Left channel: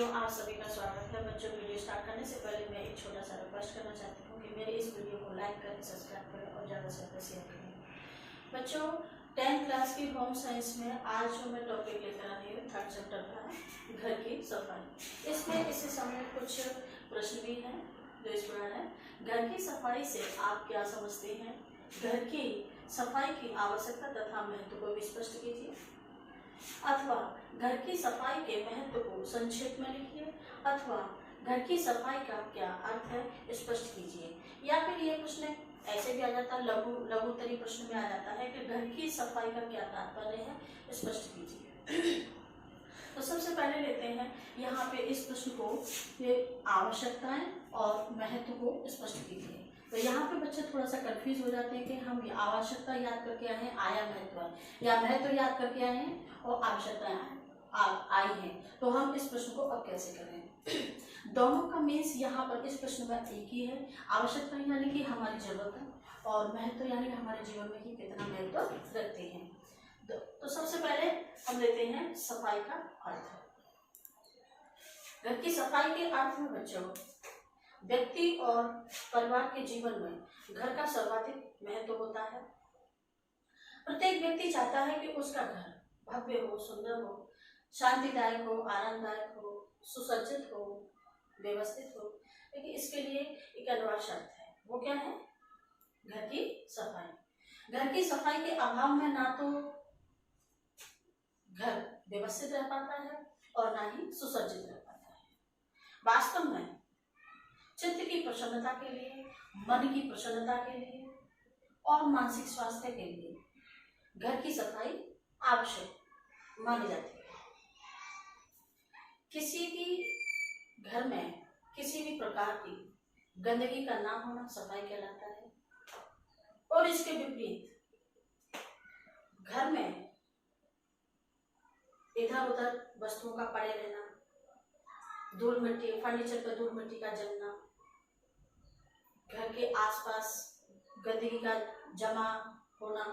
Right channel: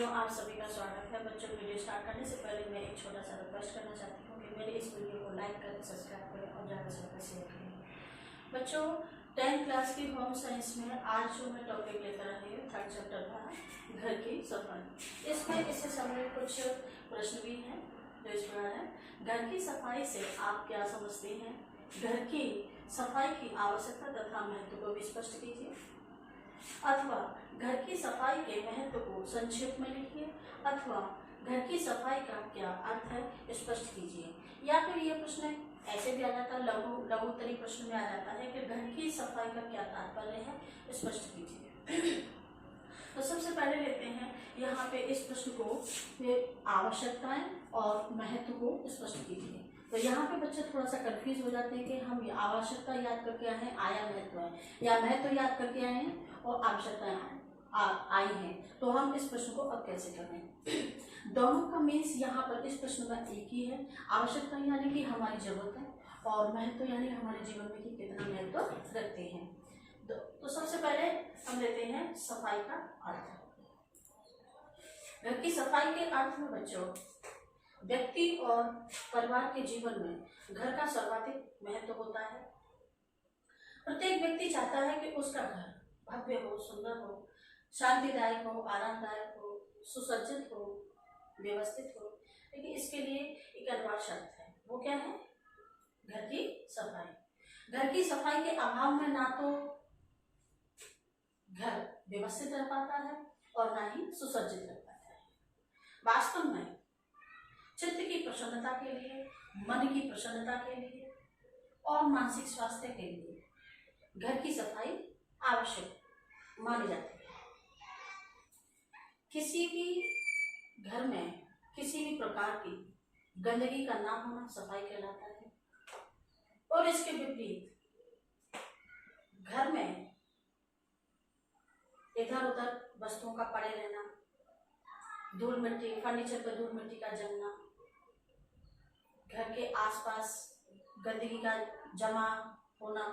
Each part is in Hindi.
वीडियो आप सभी का स्वागत है। बच्चों, वीडियो स्टार्ट करने से पहले मैं एक छोटा सा रिक्वेस्ट करना चाहती हूँ कि मेरे इस वीडियो को लाइक करें, सब्सक्राइब करें और ज़्यादा से ज़्यादा शेयर करें। बच्चों, 10th क्लास की होम साइंस में आज जो मैं टॉपिक लेकर आई हूँ 3rd चैप्टर का घर की सफाई। इसमें इससे संबंधित कुछ प्रश्न भी हैं जो इस प्रकार है। घर की सफाई से आप क्या समझते हैं? घर की सफाई की आवश्यकता तथा महत्व को भी स्पष्ट कीजिए। अथवा घर की सफाई के महत्व को संक्षेप में लिखिए। अथवा घर की सफाई का क्या अर्थ है स्पष्ट कीजिए। या फिर ये प्रश्न ऐसे भी आ जाता है, लघुत्तरी प्रश्न में आ जाता है कि घर की सफाई का क्या तात्पर्य है स्पष्ट कीजिए। तो सबसे पहले लेते हैं यहाँ पे इस प्रश्न को, ये आवश्यकताएं और महत्व को स्पष्ट कीजिए। तो यहाँ पे बच्चे थोड़ा सा कंफ्यूज हो जाते हैं कि हम ये आवश्यकता याद करके आए हैं, आया महत्व है, या महत्व याद करके आए हैं और आवश्यकताएं आई हैं। तो हम इस प्रश्न को अब कैसे करें? दोनों का मीन्स यहाँ पर इस प्रश्न में एक ही है। आवश्यकता यानी कि हमारी जरूरत है और महत्व यानी हमारे जीवन में कि कितना महत्व रखते हैं। तो सबसे पहले हम लेते हैं सफाई का अर्थ। घर की सफाई के अर्थ में बच्चों, व्यक्ति और परिवार के जीवन में घर का सर्वाधिक महत्व होता है। प्रत्येक व्यक्ति चाहता है कि उसका घर भव्य हो, सुंदर हो, शांतिदायक हो, आरामदायक हो, सुसज्जित हो, व्यवस्थित हो। लेकिन इसके लिए एक अनिवार्य शर्त है। वो क्या है? घर की सफाई। घर की सफाई के अभाव में ना तो घर व्यवस्थित रह पाता है और ना ही सुसज्जित रह पाता है। वास्तव में चित्त की प्रसन्नता के लिए, मन की प्रसन्नता के लिए और मानसिक स्वास्थ्य के लिए घर की सफाई आवश्यक मानी जाती है। किसी भी घर में किसी भी प्रकार की गंदगी का ना होना सफाई कहलाता है। और इसके विपरीत घर में इधर उधर वस्तुओं का पड़े रहना, धूल मिट्टी, फर्नीचर पर धूल मिट्टी का जमना, घर के आसपास गंदगी का जमा होना,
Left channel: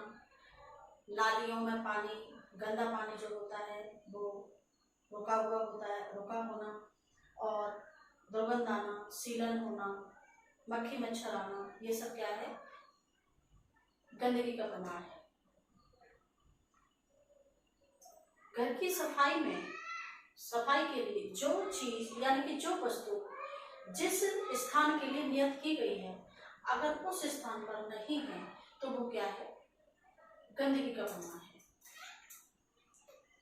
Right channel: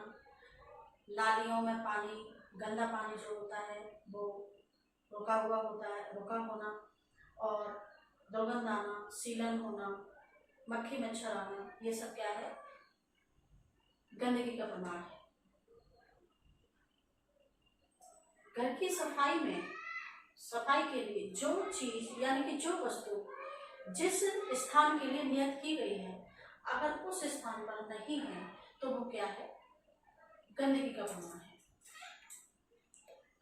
नालियों में पानी, गंदा पानी जो होता है वो रुका होना और दुर्गंध आना, सीलन होना, मक्खी मच्छर आना, ये सब क्या है? गंदगी का प्रमाण है। घर की सफाई में, सफाई के लिए जो चीज यानी कि जो वस्तु जिस स्थान के लिए नियत की गई है, अगर उस स्थान पर नहीं है तो वो क्या है? गंदगी का प्रमाण है।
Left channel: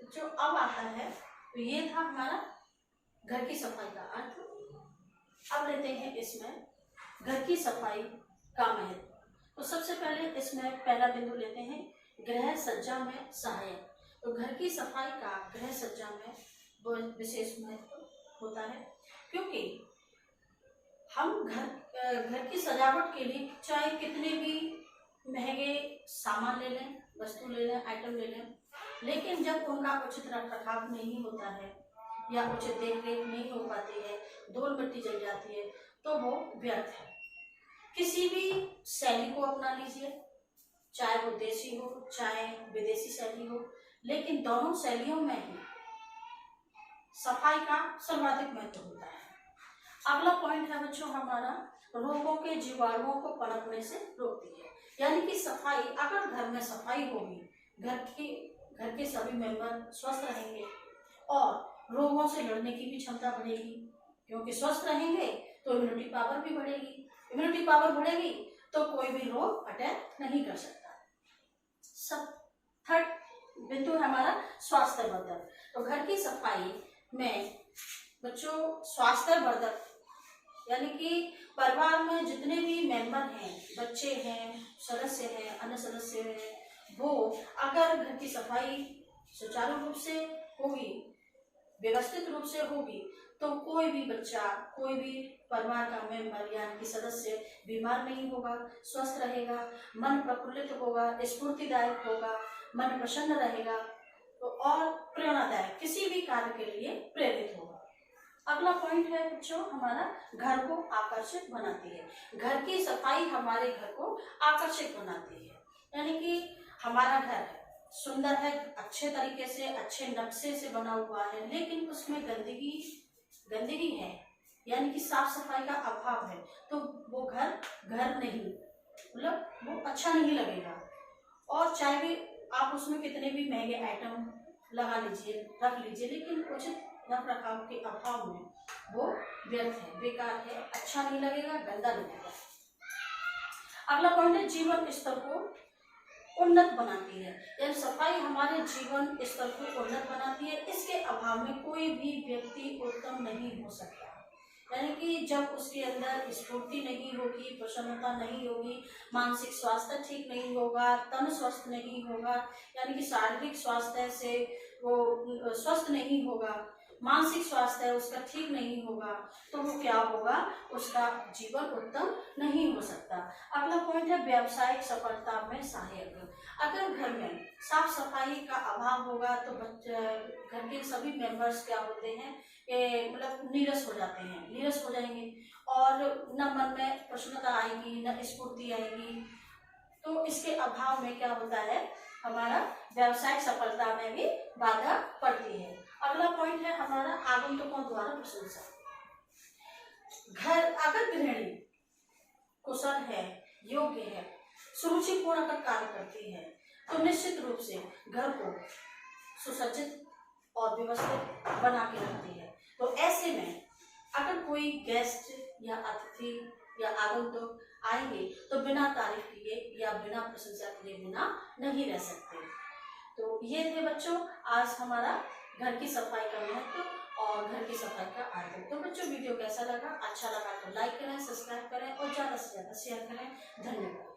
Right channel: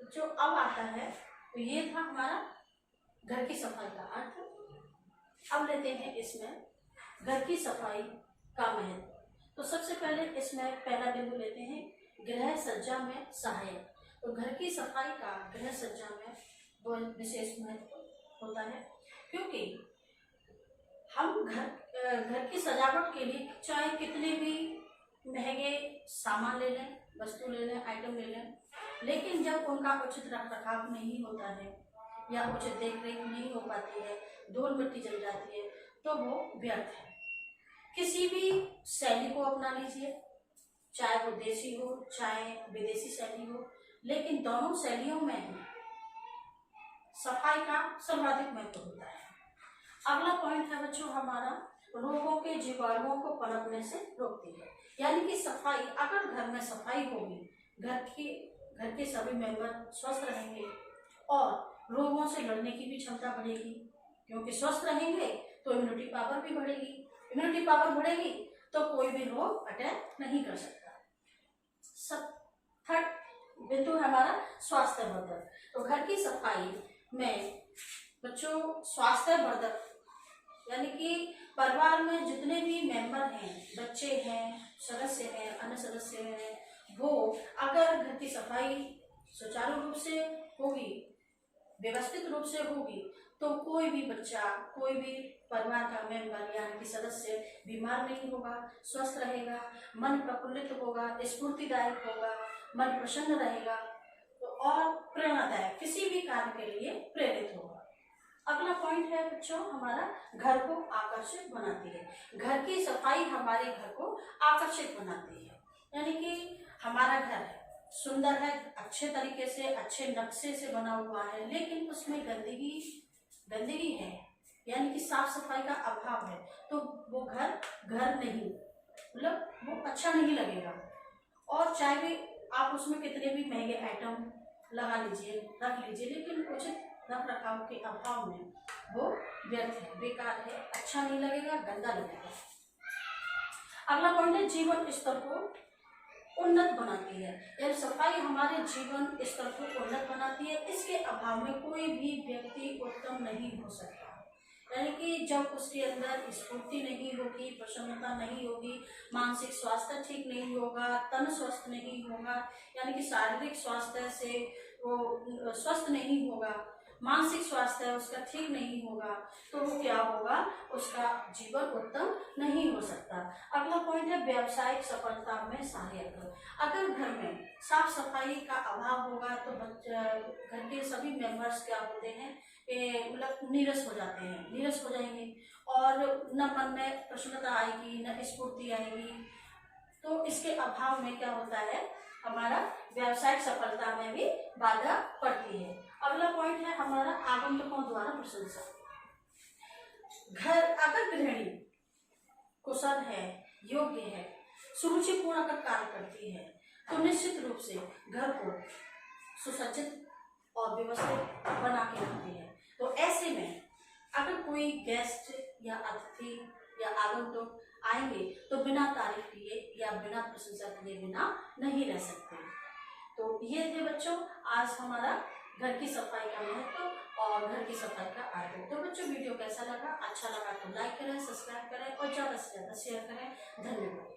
जो अब आता है, तो ये था हमारा घर की सफाई का अर्थ। अब लेते हैं इसमें घर की सफाई का महत्व। तो सबसे पहले इसमें पहला बिंदु लेते हैं, गृह सज्जा में सहायक। तो घर की सफाई का गृह सज्जा में बहुत विशेष महत्व होता है, क्योंकि हम घर की सजावट के लिए चाहे कितने भी महंगे सामान ले लें, वस्तु ले लें, आइटम ले लें, लेकिन जब उनका उचित रखरखाव नहीं होता है या उचित देखरेख नहीं हो पाती है, धूल मिट्टी जल जाती है, तो वो व्यर्थ है। किसी भी शैली को अपना लीजिए, चाहे वो देसी हो चाहे विदेशी शैली हो, लेकिन दोनों शैलियों में ही सफाई का सर्वाधिक महत्व होता है। अगला पॉइंट है बच्चों हमारा, रोगों के जीवाणुओं को पनपने से रोकती है। यानी कि सफाई, अगर घर में सफाई होगी, घर के सभी मेंबर स्वस्थ रहेंगे और रोगों से लड़ने की भी क्षमता बढ़ेगी, क्योंकि स्वस्थ रहेंगे तो इम्यूनिटी पावर भी बढ़ेगी। इम्यूनिटी पावर बढ़ेगी तो कोई भी रोग अटैक नहीं कर सकता। सब 3rd बिंदु हमारा स्वास्थ्यवर्धक। तो घर की सफाई में बच्चों स्वास्थ्यवर्धक यानी कि परिवार में जितने भी मेंबर हैं, बच्चे हैं, सदस्य हैं, अन्य सदस्य हैं, वो अगर घर की सफाई सुचारू रूप से होगी, व्यवस्थित रूप से होगी, तो कोई भी बच्चा, कोई भी परिवार का मेंबर यानी कि सदस्य बीमार नहीं होगा, स्वस्थ रहेगा, मन प्रफुल्लित होगा, स्फूर्तिदायक होगा, मन प्रसन्न रहेगा तो और प्रेरणादायक किसी भी कार्य के लिए प्रेरित होगा। अगला पॉइंट है बच्चों हमारा, घर को आकर्षक बनाती है। घर की सफाई हमारे घर को आकर्षक बनाती है। यानी कि हमारा घर सुंदर है, अच्छे तरीके से, अच्छे नक्शे से बना हुआ है, लेकिन उसमें गंदगी गंदगी है, यानी कि साफ सफाई का अभाव है, तो वो घर घर नहीं, मतलब वो अच्छा नहीं लगेगा। और चाहे भी आप उसमें कितने भी महंगे आइटम लगा लीजिए, रख लीजिए, लेकिन उचित रख रखाव के अभाव में वो व्यर्थ है, बेकार है, अच्छा नहीं लगेगा, गंदा लगेगा। अगला पॉइंट है जीवन स्तर को उन्नत बनाती है, यानी सफाई हमारे जीवन स्तर को उन्नत बनाती है। इसके अभाव में कोई भी व्यक्ति उत्तम नहीं हो सकता, यानी कि जब उसके अंदर स्फूर्ति नहीं होगी, प्रसन्नता नहीं होगी, मानसिक स्वास्थ्य ठीक नहीं होगा, तन स्वस्थ नहीं होगा, यानी कि शारीरिक स्वास्थ्य से वो स्वस्थ नहीं होगा, मानसिक स्वास्थ्य उसका ठीक नहीं होगा, तो वो क्या होगा, उसका जीवन उत्तम नहीं हो सकता। अगला पॉइंट है व्यावसायिक सफलता में सहायक। अगर घर में साफ सफाई का अभाव होगा तो घर के सभी मेंबर्स क्या होते हैं, मतलब नीरस हो जाते हैं, नीरस हो जाएंगे, और न मन में प्रसन्नता आएगी, न स्फूर्ति आएगी। तो इसके अभाव में क्या होता है, हमारा व्यावसायिक सफलता में भी बाधा पड़ती है। अगला पॉइंट है हमारा आगंतुकों द्वारा प्रशंसा। घर अगर गृहिणी कुशल है, योग्य है, सुरुचिपूर्ण कार्य करती है, तो निश्चित रूप से घर को सुसज्जित और व्यवस्थित बना के रखती है। तो ऐसे में अगर कोई गेस्ट या अतिथि या आगंतुक आएंगे तो बिना तारीफ किए या बिना प्रशंसा किए बिना नहीं रह सकते। तो ये थे बच्चों आज हमारा घर की सफाई का महत्व और घर की सफाई का आदत। तो बच्चों वीडियो कैसा लगा, अच्छा लगा तो लाइक करें, सब्सक्राइब करें और ज़्यादा से ज़्यादा शेयर करें। धन्यवाद।